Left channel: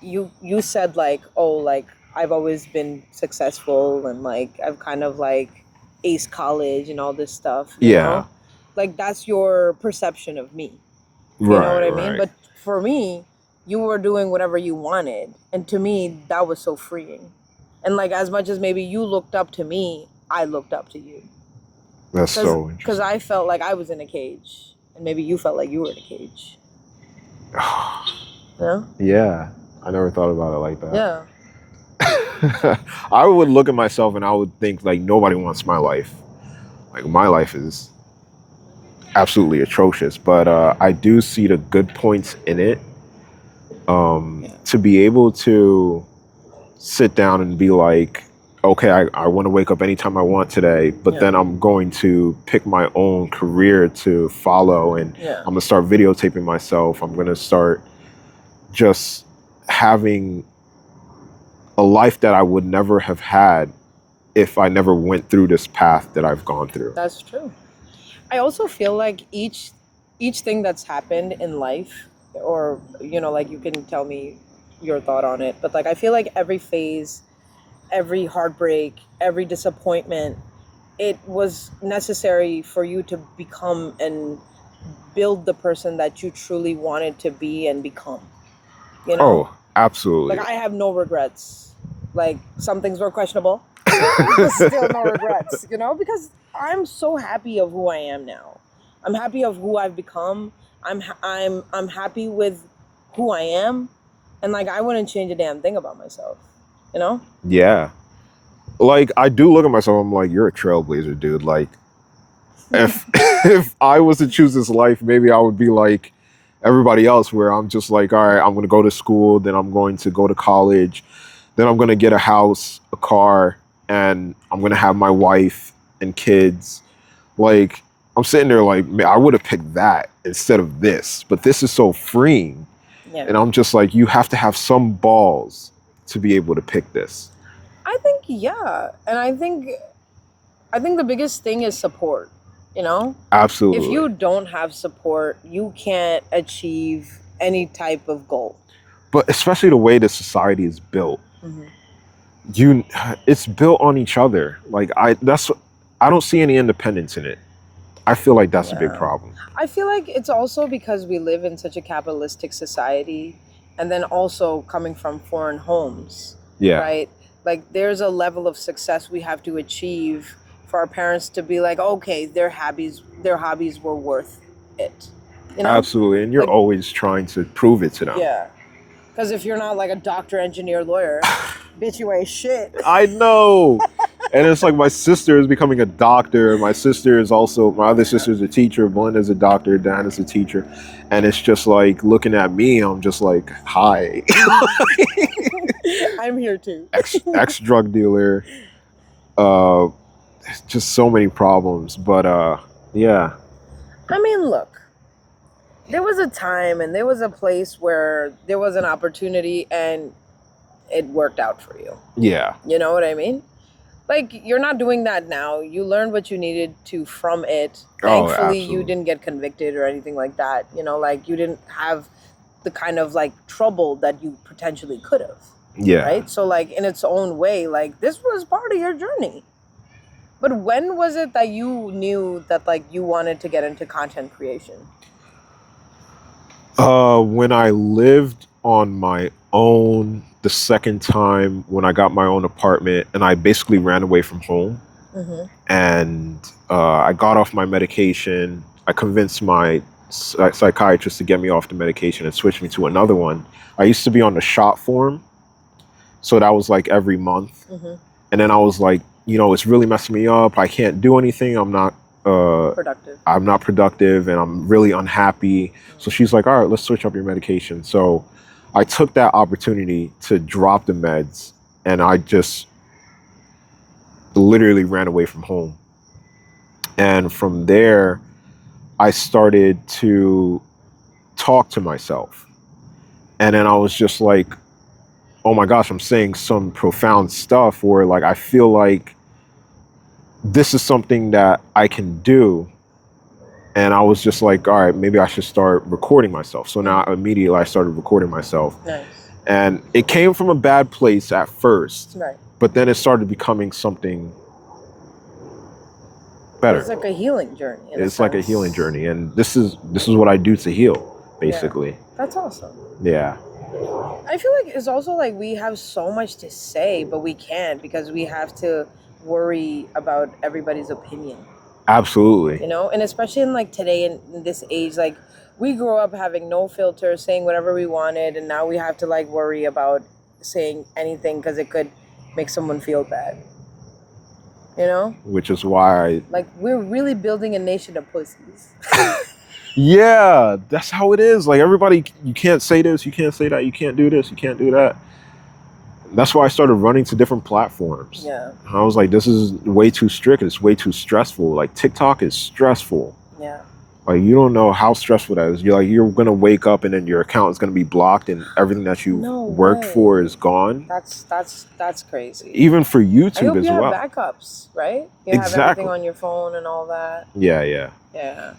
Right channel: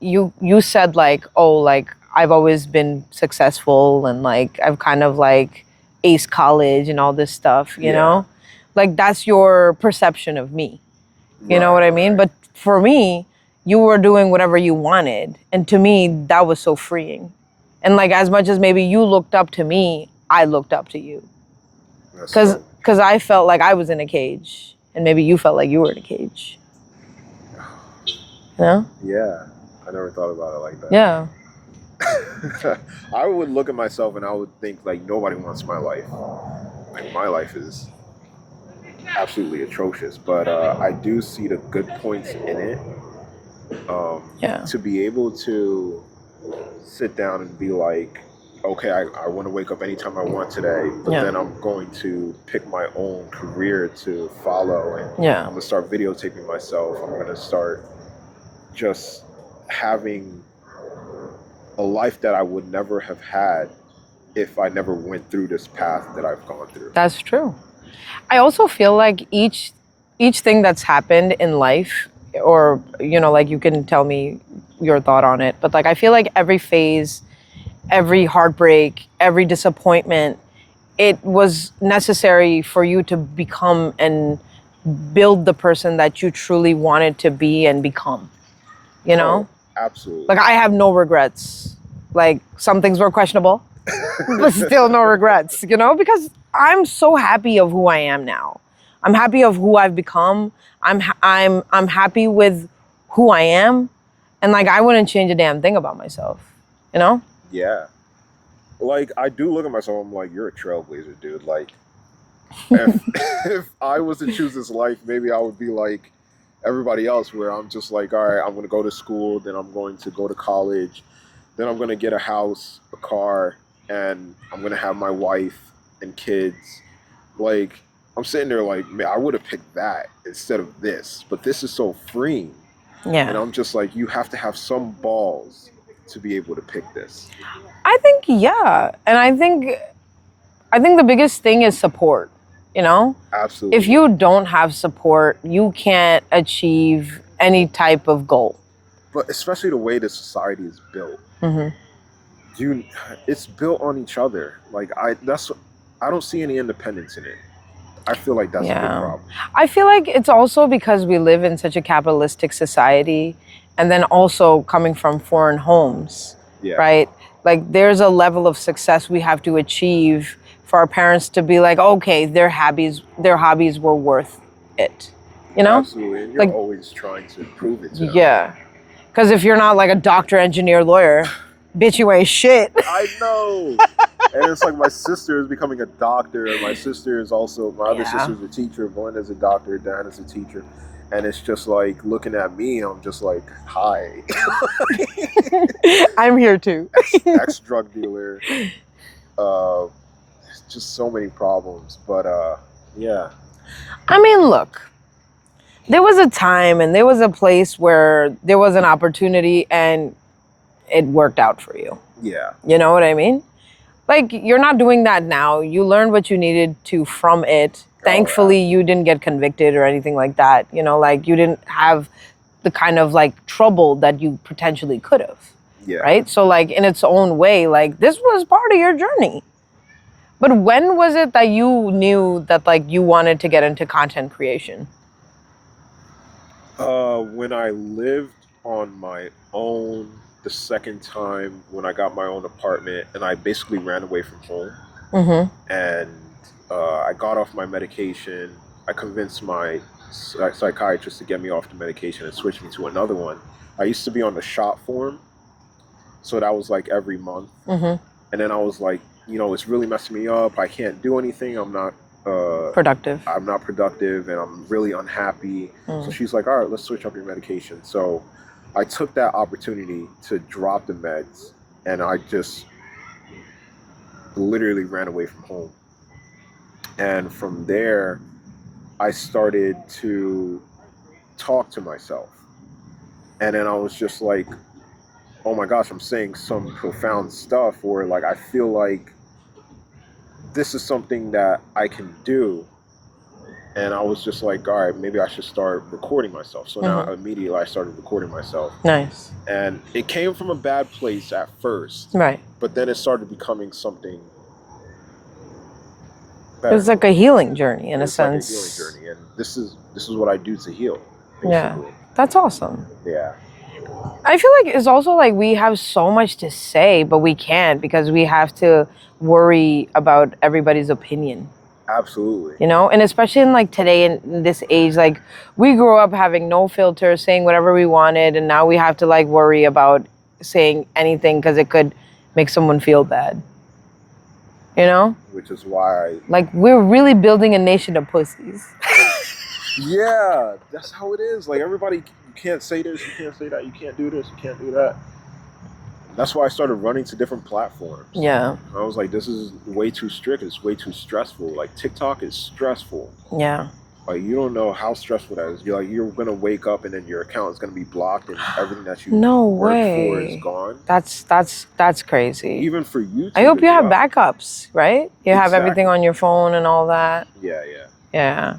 you said like, oh, like I've always been successful and like I've kind of like aced college and all this stuff, you Yeah. know? Like that's your perception of me. You know Right, what I mean? right. But for me, you were doing whatever you wanted. And to me, that was so freeing. And like as much as maybe you looked up to me, I looked up to you. That's Cause so cause interesting. I felt like I was in a cage. And maybe you felt like you were in a cage. You know? Yeah, I never thought about it like Yeah. that. I would look at myself and I would think like nobody wants my life. Like my life is absolutely atrocious, but I do see the good points in it. Yeah. To be able to sit down and be like, okay, I want to wake up anytime I want today, but Yeah. then I'm going to pick my own career to follow and Yeah. I'm going to start videotaping myself. I'm going to start just having a life that I would never have had if I never went through this path that I've gone through. That's true. I also feel like each thing that's happened in life, or like you can tell me your thought on it, but like I feel like every phase, every heartbreak, every disappointment, it was necessary for you to become and build the person that you truly wanted to be and become. You know? Oh, Like absolutely. I have no regrets. Like some things were questionable, but still no regrets, because I'm so happy of who I am now. I'm happy of who I've become. I'm happy with who I am, and like I wouldn't change a damn thing about myself, you know? Yeah. Like I do look at myself, I'm like, you're a trailblazer, dude. Like if if I was to choose this life, maybe I would be like everybody else where I'm just like, all right, I'm gonna go to school, then I'm going to go to college, then I'm gonna get a house, a car, and I'm gonna have my wife and kids. Like I'm sitting there like, man, I would have picked that instead of this, but this is so freeing. And Yeah. I'm just like, you have to have some balls to be able to pick this. I think yeah, and I think the biggest thing is support, you know? If Absolutely. you don't have support, you can't achieve any type of goal. But especially the way the society is built, you it's built on each other. Like I don't see any independence in it. I feel like that's a big Yeah. problem. I feel like it's also because we live in such a capitalistic society and then also coming from foreign homes, Yeah, right? Like there's a level of success we have to achieve for our parents to be like, okay, their hobbies were worth it. You know? absolutely. And you're Like, always trying to prove it to them. yeah. Because if you're not like a doctor, engineer, lawyer, bitch, you ain't shit. I know. And it's like my sister is becoming a doctor. My sister is also, my other Yeah. sister is a teacher. Belinda's a doctor. Dan is a teacher. And it's just like looking at me, I'm just like, hi, I'm here too. ex drug dealer. Uh, just so many problems. But yeah, I mean, look, there was a time and there was a place where there was an opportunity and it worked out for you. yeah. You know what I mean? Like, you're not doing that now. You learned what you needed to from it. Oh, Thankfully, you absolutely. didn't get convicted or anything like that. Like, you didn't have the kind of like trouble that you potentially could have. Yeah. Right? So, like, in its own way, like, this was part of your journey. But when was it that you knew that, like, you wanted to get into content creation? When I lived on my own the second time when I got my own apartment and I basically ran away from home and I got off my medication. I convinced my psychiatrist to get me off the medication and switch me to another one. I used to be on the shot form, so that was like every month. And then I was like, it's really messing me up. I can't do anything. Productive. I'm not productive and I'm really unhappy. So she's like, all right, let's switch up your medication. So I took that opportunity to drop the meds and I just literally ran away from home. And from there, I started to talk to myself. And then I was just like, oh my gosh, I'm saying some profound stuff where like I feel like this is something that I can do And I was just like, all right, maybe I should start recording myself. So now immediately I started recording myself. Nice. And it came from a bad place at first, Right. but then it started becoming something better. It's like a healing journey in a sense. It's like a healing journey. And this is what I do to heal, basically. Yeah. That's awesome. Yeah. I feel like it's also like we have so much to say, but we can't because we have to worry about everybody's opinion. Absolutely. You know, and especially in like today in this age, like we grew up having no filter, saying whatever we wanted, and now we have to like worry about saying anything because it could make someone feel bad. You know? Which is why Like we're really building a nation of pussies. yeah, that's how it is. Like everybody, you can't say this, you can't say that, you can't do this, you can't do that. That's why I started running to different platforms. Yeah. I was like, this is way too strict. It's way too stressful. Like TikTok is stressful. Yeah. Like you don't know how stressful that is. You're gonna wake up and then your account is gonna be blocked and everything that you No worked for way. is gone. That's crazy. Even for YouTube. I hope you as have well. backups, right? You have Exactly. everything on your phone and all that. Yeah. Yeah.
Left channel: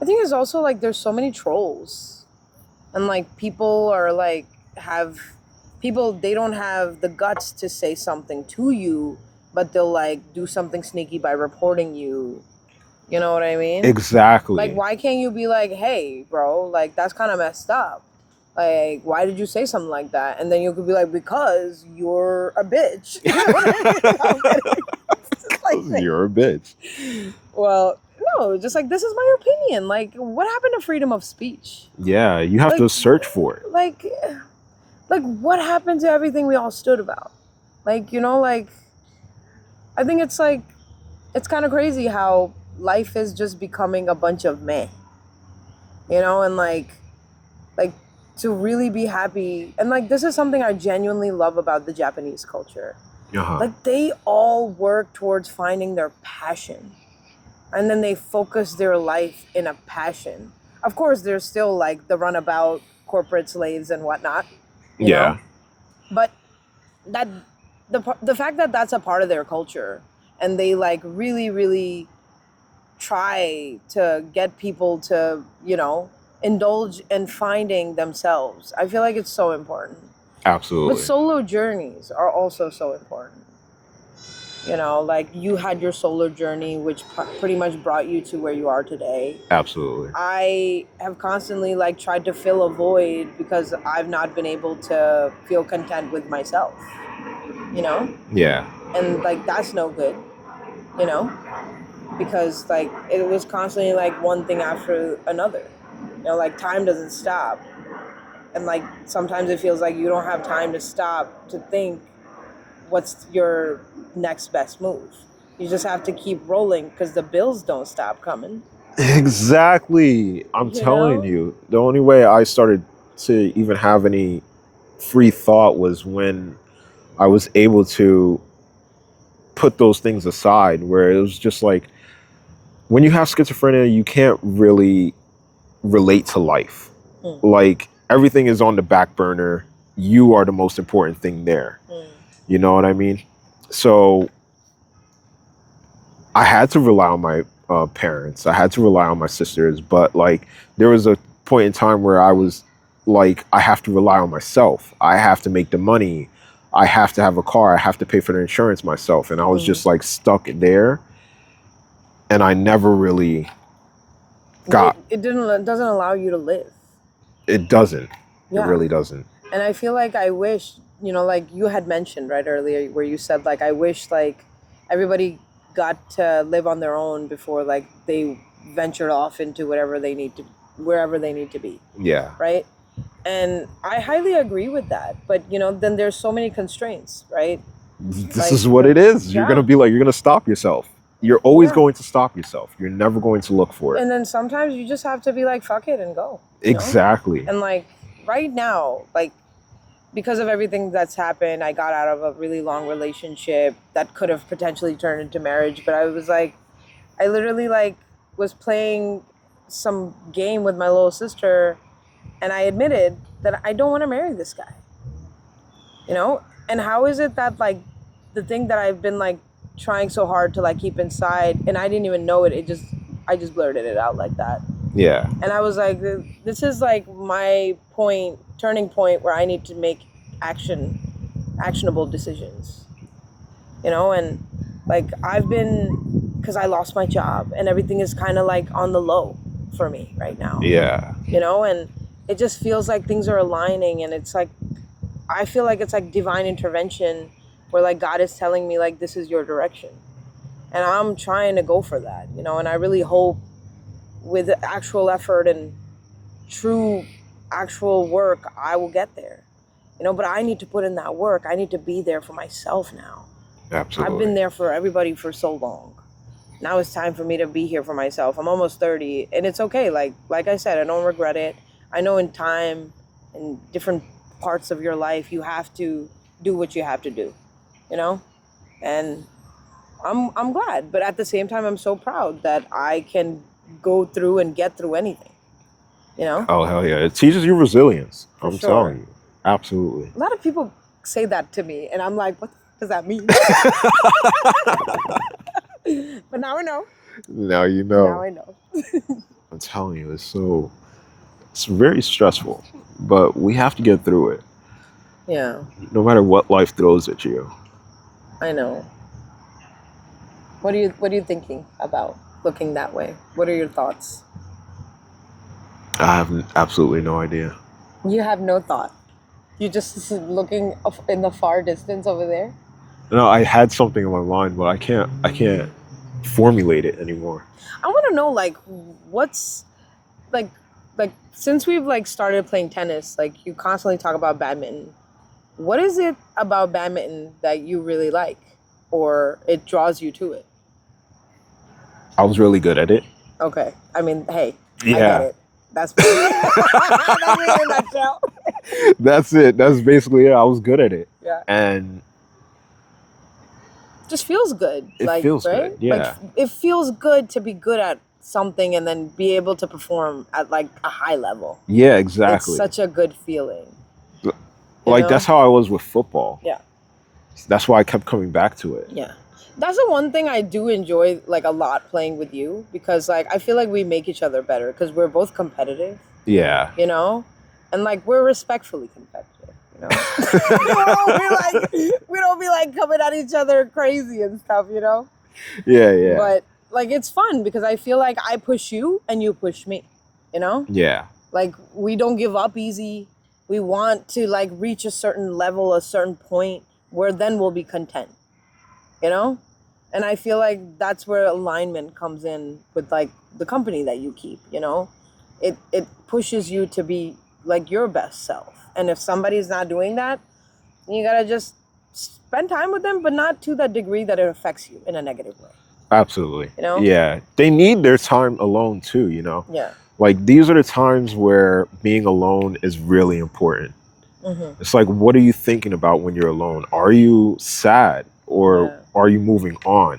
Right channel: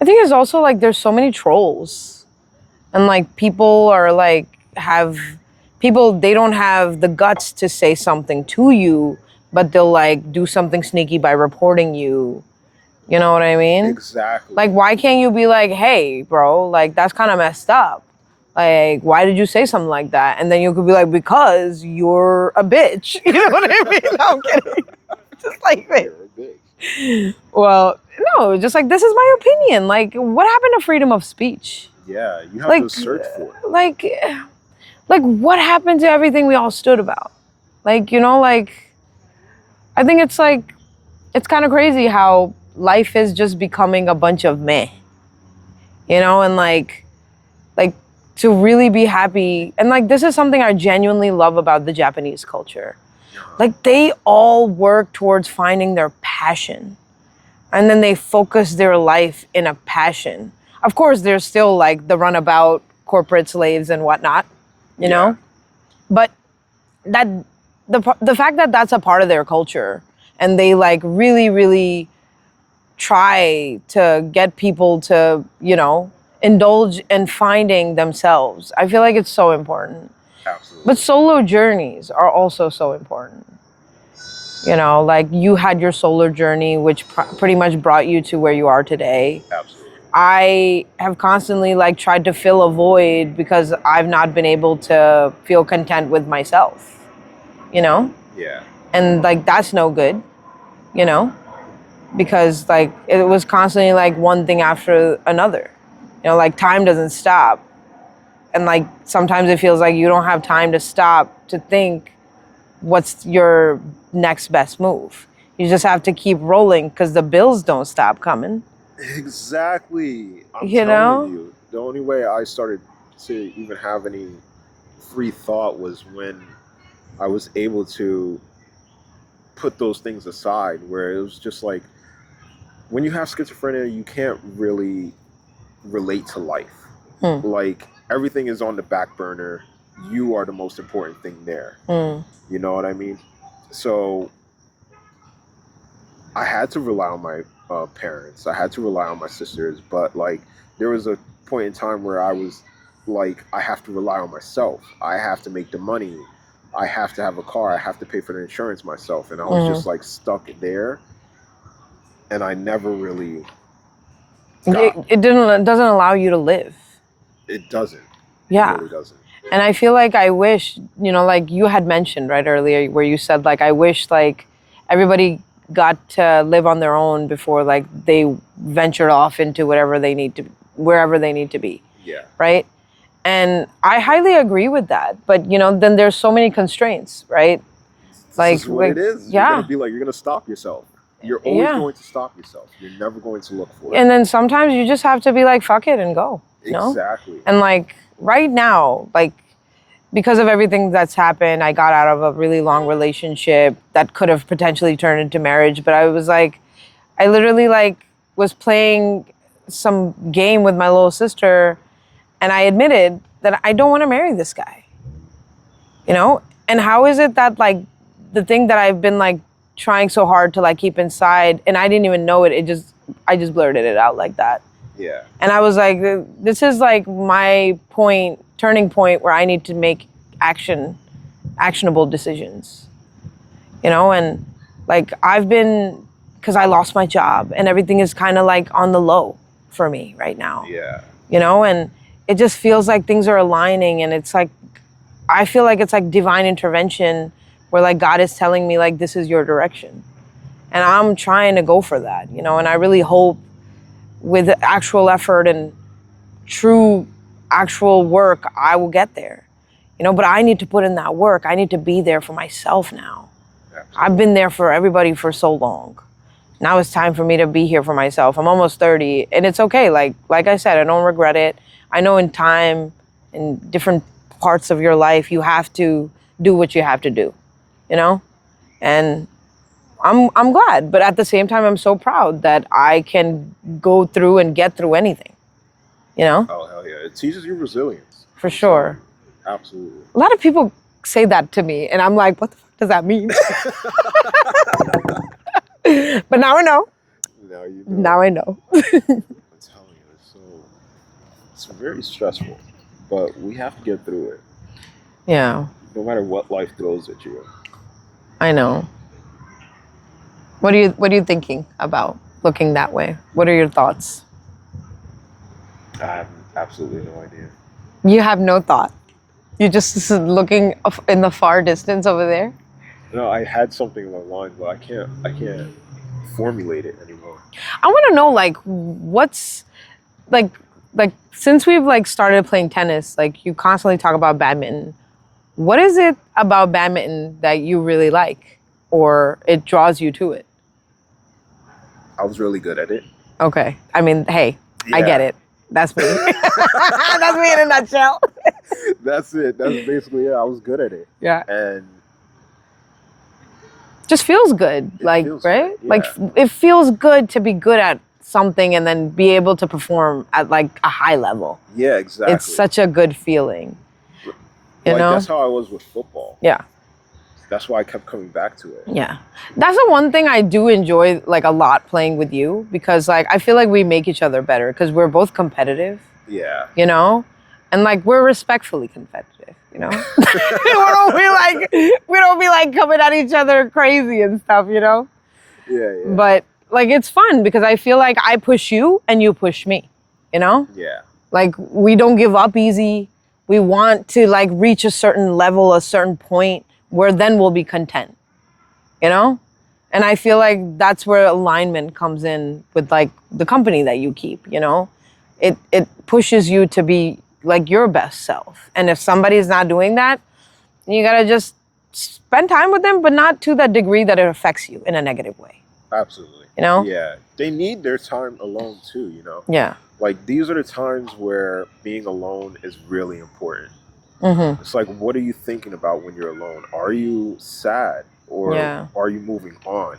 I think it's also like there's so many trolls. And like people are like they don't have the guts to say something to you, but they'll like do something sneaky by reporting you. You know what I mean? Exactly. Like why can't you be like, hey, bro, like that's kind of messed up. Like, why did you say something like that? And then you could be like, because you're a bitch. You know what I mean? No, I'm kidding. Just like You're a bitch. well, no, just like this is my opinion. Like, what happened to freedom of speech? Yeah, you have Like- to search for it. Like what happened to everything we all stood about? Like, you know, like I think it's like it's kind of crazy how life is just becoming a bunch of meh. You know, and like to really be happy, and like this is something I genuinely love about the Japanese culture. Uh-huh. Like they all work towards finding their passion. And then they focus their life in a passion. Of course, there's still like the runabout corporate slaves and whatnot, you know? But that the fact that that's a part of their culture and they like really, really try to get people to, you know, indulge in finding themselves. I feel like it's so important. Absolutely. But solo journeys are also so important. You know, like you had your solo journey, which pretty much brought you to where you are today. Absolutely. I have constantly like tried to fill a void because I've not been able to feel content with myself, you know? Yeah. And like that's no good, you know? Because like it was constantly like one thing after another. You know, like time doesn't stop. And like sometimes it feels like you don't have time to stop to think what's your next best move. You just have to keep rolling because the bills don't stop coming. Exactly. I'm You telling know? you. The only way I started to even have any free thought was when I was able to put those things aside, where it was just like when you have schizophrenia, you can't really relate to life. Like everything is on the back burner. You are the most important thing there. You know what I mean? So I had to rely on my parents. I had to rely on my sisters. But like there was a point in time where I was like, I have to rely on myself. I have to make the money. I have to have a car. I have to pay for the insurance myself. And I was just like stuck there. And I never really got. It doesn't allow you to live. It doesn't. Yeah. It really doesn't. And I feel like I wish, you know, like you had mentioned right earlier where you said like I wish like everybody got to live on their own before like they ventured off into wherever they need to be. Yeah. Right? And I highly agree with that. But you know, then there's so many constraints, right? This Like- is what like- it is. yeah. You're gonna stop yourself. You're always Yeah. going to stop yourself. You're never going to look for it. And then sometimes you just have to be like, fuck it and go. you know? Exactly. And like right now, like because of everything that's happened, I got out of a really long relationship that could have potentially turned into marriage. But I was like, I literally like was playing some game with my little sister and I admitted that I don't want to marry this guy. You know? And how is it that like the thing that I've been like trying so hard to like keep inside and I didn't even know it, just blurted it out like that. Yeah. And I was like, this is like my turning point where I need to make actionable decisions, and like because I lost my job and everything is kind of like on the low for me right now. Yeah. And it just feels like things are aligning, and it's like, I feel like it's like divine intervention where like God is telling me like, this is your direction. And I'm trying to go for that, and I really hope with actual effort and true actual work, I will get there, but I need to put in that work. I need to be there for myself now. Absolutely. I've been there for everybody for so long. Now it's time for me to be here for myself. I'm almost 30 and it's okay. Like I said, I don't regret it. I know in time, in different parts of your life, you have to do what you have to do, and I'm glad, but at the same time, I'm so proud that I can go through and get through anything, Oh, hell yeah. It teaches you resilience. For I'm sure. telling you. Absolutely. A lot of people say that to me, and I'm like, what the fuck does that mean? But now I know. Now you know. Now I know. I'm telling you, it's very stressful, but we have to get through it. Yeah, No matter what life throws at you. I know. What are you thinking about looking that way? What are your thoughts? I have absolutely no idea. You have no thought. You're just looking in the far distance over there. No, I had something in my mind, but I can't formulate it anymore. I want to know, like, what's like since we've like started playing tennis, like you constantly talk about badminton. What is it about badminton that you really like, or it draws you to it? I was really good at it. Okay. I mean, hey, Yeah. I get it. That's me. That's me in a nutshell. That's it. That's basically it. I was good at it. Yeah. And Just feels good. It like, feels right? good, yeah. Like, it feels good to be good at something and then be able to perform at like a high level. yeah, exactly. It's such a good feeling. You like know? that's how I was with football. Yeah. That's why I kept coming back to it. Yeah. That's the one thing I do enjoy like a lot playing with you, because like I feel like we make each other better because we're both competitive, Yeah. and like we're respectfully competitive, we don't be like coming at each other crazy and stuff, Yeah, yeah. But like it's fun because I feel like I push you and you push me, yeah. Like we don't give up easy. We want to like reach a certain level, a certain point where then we'll be content, And I feel like that's where alignment comes in with like the company that you keep, It pushes you to be like your best self. And if somebody's not doing that, you gotta just spend time with them, but not to the degree that it affects you in a negative way. Absolutely. You know? Yeah. They need their time alone too, Yeah. Like these are the times where being alone is really important. Mm-hmm. It's like, what are you thinking about when you're alone? Are you sad or Yeah. are you moving on?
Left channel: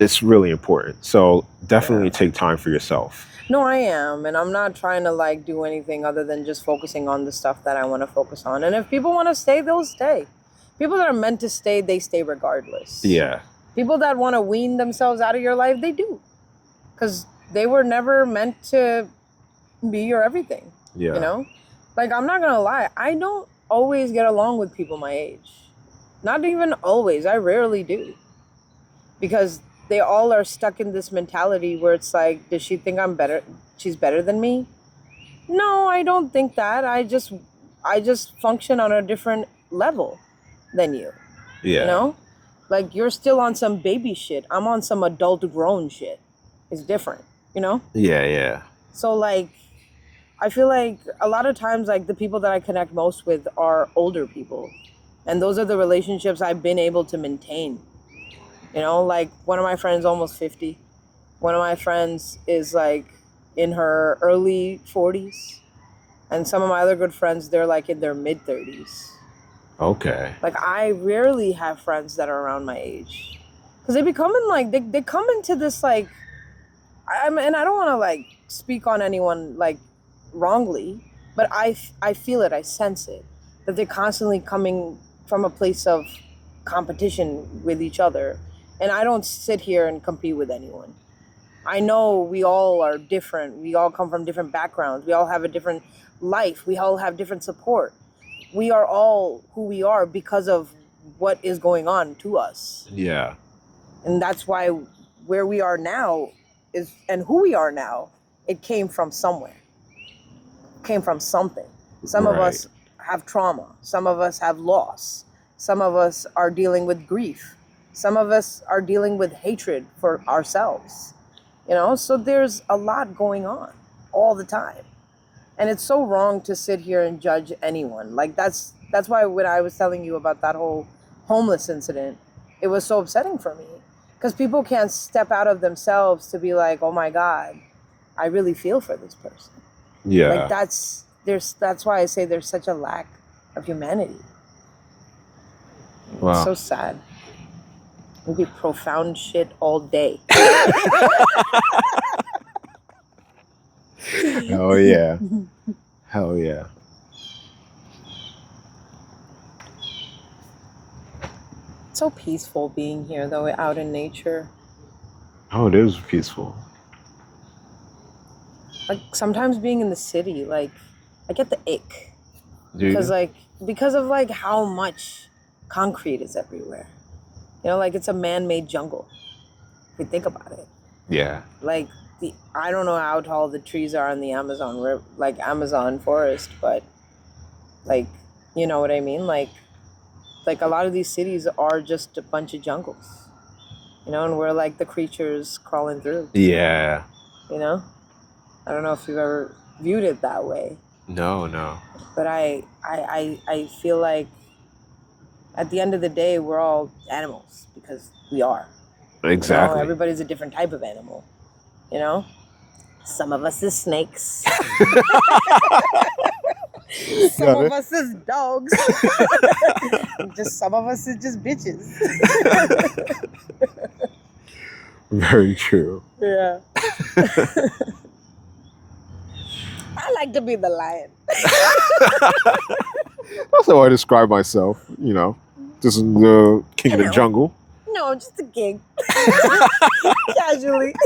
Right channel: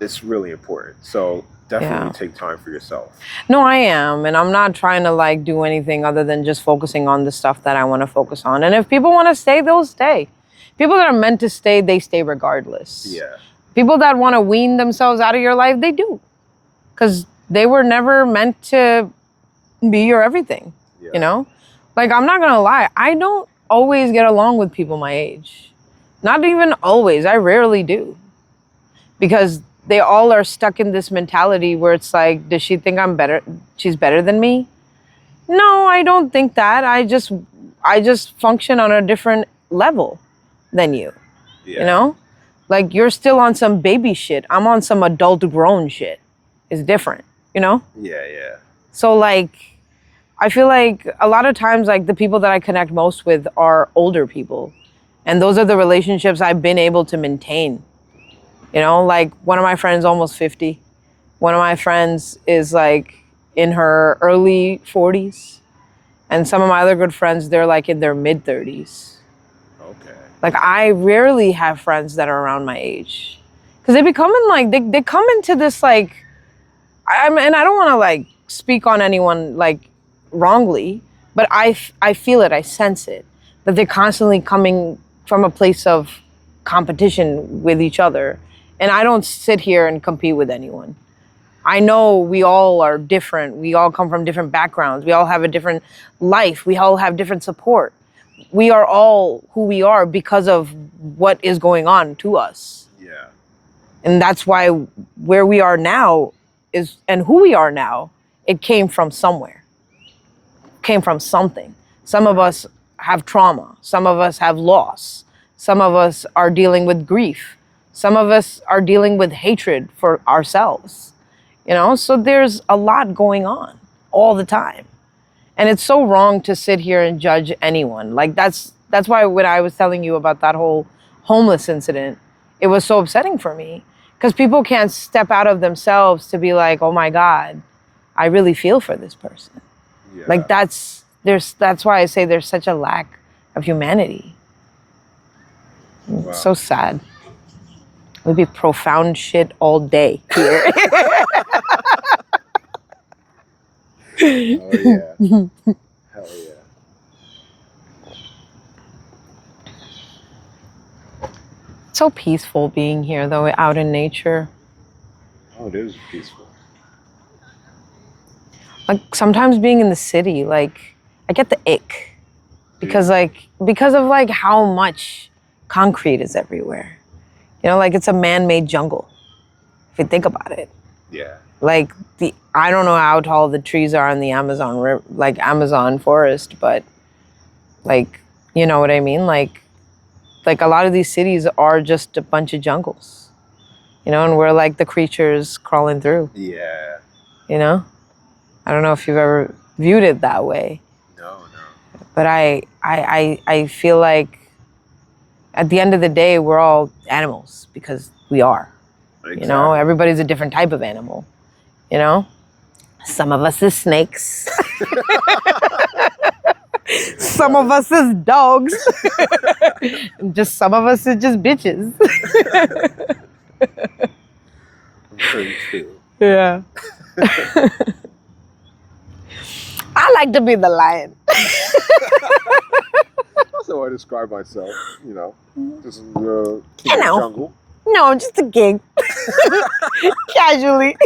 It's really important. So definitely Yeah. take time for yourself. No, I am. And I'm not trying to like do anything other than just focusing on the stuff that I want to focus on. And if people want to stay, they'll stay. People that are meant to stay, they stay regardless. Yeah. People that want to wean themselves out of your life, they do. Because they were never meant to be your everything, Yeah. Like, I'm not going to lie. I don't always get along with people my age. Not even always. I rarely do. Because they all are stuck in this mentality where it's like, does she think I'm better? She's better than me? No, I don't think that. I just function on a different level than you. Yeah. Like you're still on some baby shit. I'm on some adult grown shit. It's different, Yeah, yeah. So like, I feel like a lot of times like the people that I connect most with are older people. And those are the relationships I've been able to maintain. Like one of my friends almost 50. One of my friends is like in her early 40s. And some of my other good friends, they're like in their mid 30s. Okay. Like I rarely have friends that are around my age. Because they become in like, they come into this like, and I don't want to like speak on anyone like wrongly, but I feel it, I sense it, that they're constantly coming from a place of competition with each other. And I don't sit here and compete with anyone. I know we all are different. We all come from different backgrounds. We all have a different life. We all have different support. We are all who we are because of what is going on to us. Yeah. And that's why where we are now is, and who we are now, it came from somewhere, came from something. Some of Right. us have trauma. Some of us have loss. Some of us are dealing with grief. Some of us are dealing with hatred for ourselves. You know, so there's a lot going on all the time. And it's so wrong to sit here and judge anyone. Like that's why when I was telling you about that whole homeless incident, it was so upsetting for me because people can't step out of themselves to be like, "Oh my God, I really feel for this person." Yeah. Like that's why I say there's such a lack of humanity. Wow. It's so sad. It would be profound shit all day. Hell yeah. Hell yeah. It's so peaceful being here though, out in nature. Oh, it is peaceful. Like sometimes being in the city, like I get the ick because of like how much concrete is everywhere. You know, like it's a man-made jungle. If you think about it, Yeah. like I don't know how tall the trees are in the Amazon river, like Amazon forest, but like you know what I mean. Like a lot of these cities are just a bunch of jungles. You know, and we're like the creatures crawling through. Yeah. You know, I don't know if you've ever viewed it that way. No. But I feel like at the end of the day, we're all animals because we are. Exactly. You know, everybody's a different type of animal. You know, some of us is snakes. Some of us is dogs. Just some of us is just bitches. Very true. Yeah. I like to be the lion. That's how I describe myself, you know. Just the king of the jungle. No, just a gig. Casually.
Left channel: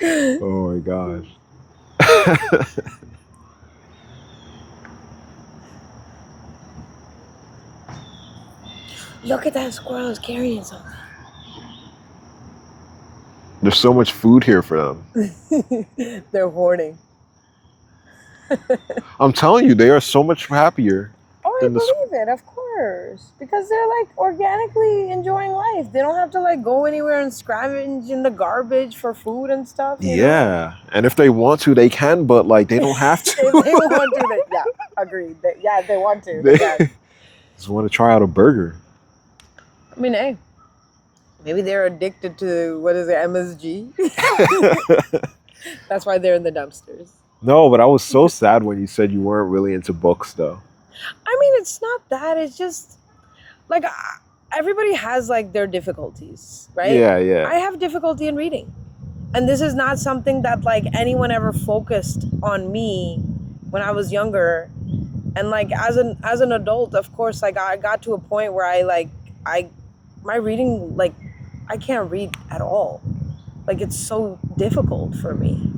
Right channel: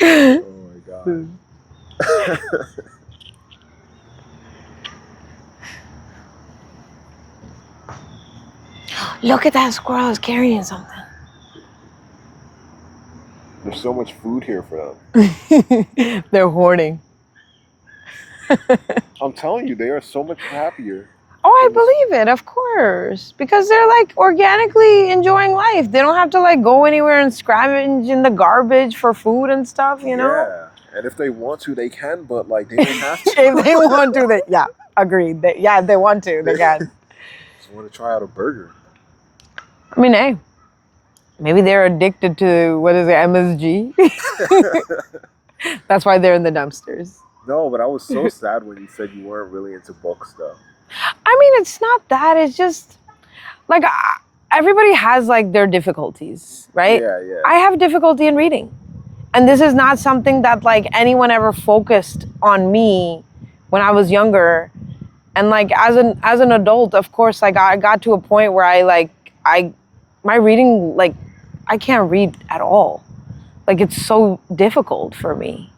Oh my gosh. Look at that squirrel, is carrying something. There's so much food here for them. They're hoarding. I'm telling you, they are so much happier. Oh, I than the s- believe it, of course. Because they're like organically enjoying life. They don't have to like go anywhere and scavenge in the garbage for food and stuff, you know? Yeah. And if they want to, they can, but like they don't have to. If they want to, yeah, agreed. If they want to, they can. Just want to try out a burger. I mean, hey, maybe they're addicted to, what is it, MSG? That's why they're in the dumpsters. No, but I was so sad when you said you weren't really into books, though. I mean, it's not that. It's just like everybody has like their difficulties, right? Yeah. I have difficulty in reading. And this is not something that like anyone ever focused on me when I was younger. And like as an adult, of course, like I got to a point where my reading, like I can't read at all. Like it's so difficult for me.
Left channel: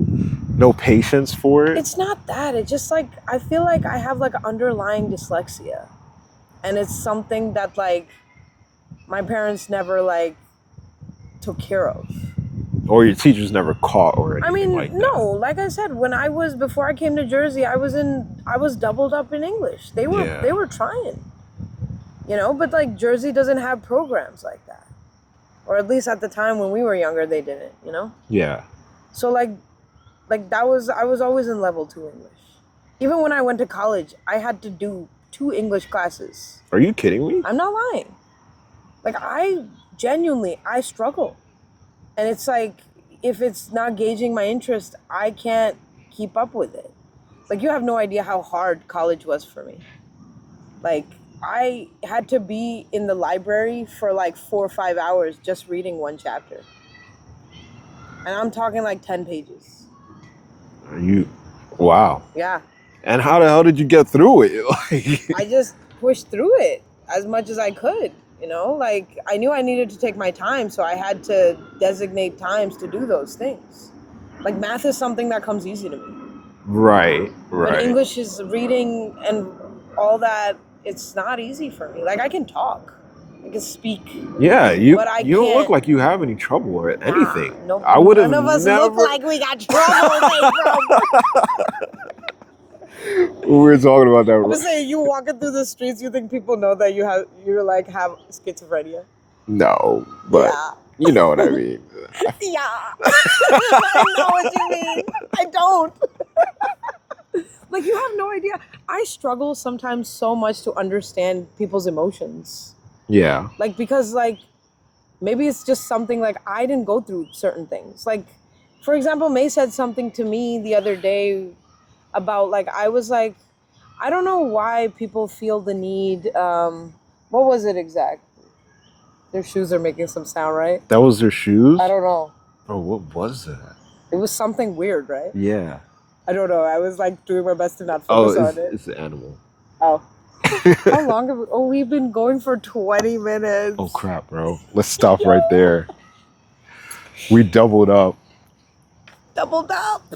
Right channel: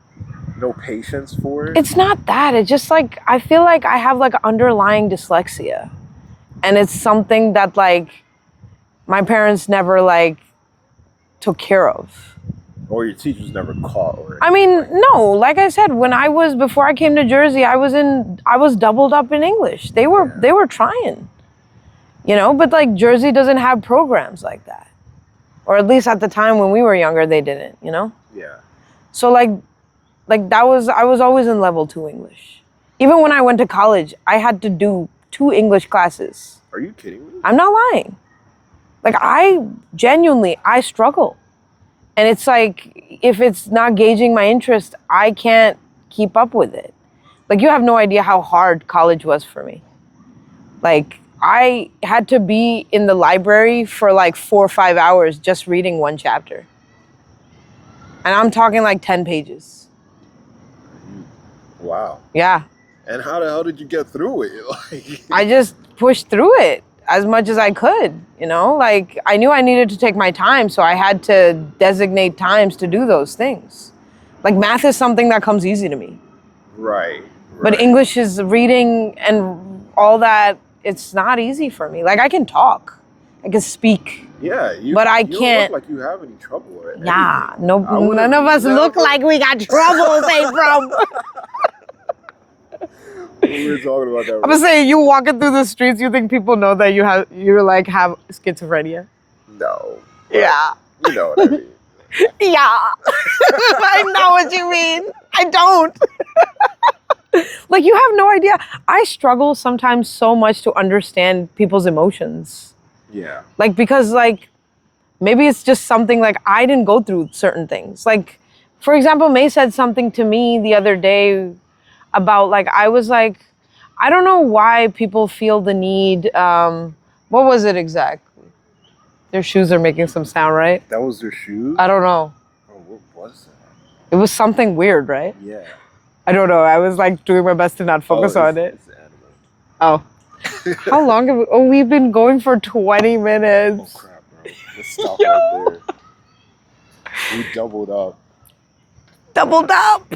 No patience for it? It's not that. It's just like I feel like I have like underlying dyslexia. And it's something that like my parents never like took care of. Or your teachers never caught or anything I mean, like no, like I said, before I came to Jersey, I was doubled up in English. They were trying. You know, but like Jersey doesn't have programs like that. Or at least at the time when we were younger, they didn't, you know? Yeah. So like I was always in level 2 English. Even when I went to college, I had to do 2 English classes. Are you kidding me? I'm not lying. Like I struggle. And it's like, if it's not gauging my interest, I can't keep up with it. Like you have no idea how hard college was for me. Like I had to be in the library for like 4 or 5 hours just reading one chapter. And I'm talking like 10 pages. Wow. Yeah. And how the hell did you get through it? Like, I just pushed through it. as much as I could, you know? Like I knew I needed to take my time, so I had to designate times to do those things. Like math is something that comes easy to me. Right. But English is reading and all that, it's not easy for me. Like I can talk. I can speak. Yeah, But I you don't can't- look like you have any trouble or anything. Nah, no, I would've none of us look never- like we got trouble, bro. We were talking about that. I'm gonna say, you walking through the streets, you think people know that you have schizophrenia? No, but Yeah. you know what I mean. Yeah. I know what you mean. I don't. Like, you have no idea. I struggle sometimes so much to understand people's emotions. Yeah. Like, because, like, maybe it's just something like I didn't go through certain things. Like, for example, May said something to me the other day about, like, I was like, I don't know why people feel the need. What was it exactly? Their shoes are making some sound, right? That was their shoes? I don't know. Oh, what was that? It was something weird, right? Yeah. I don't know. I was like doing my best to not focus on it. It's an animal. Oh. How long have we, we've been going for 20 minutes. Oh crap, bro. Let's stop right there. We doubled up. Doubled up.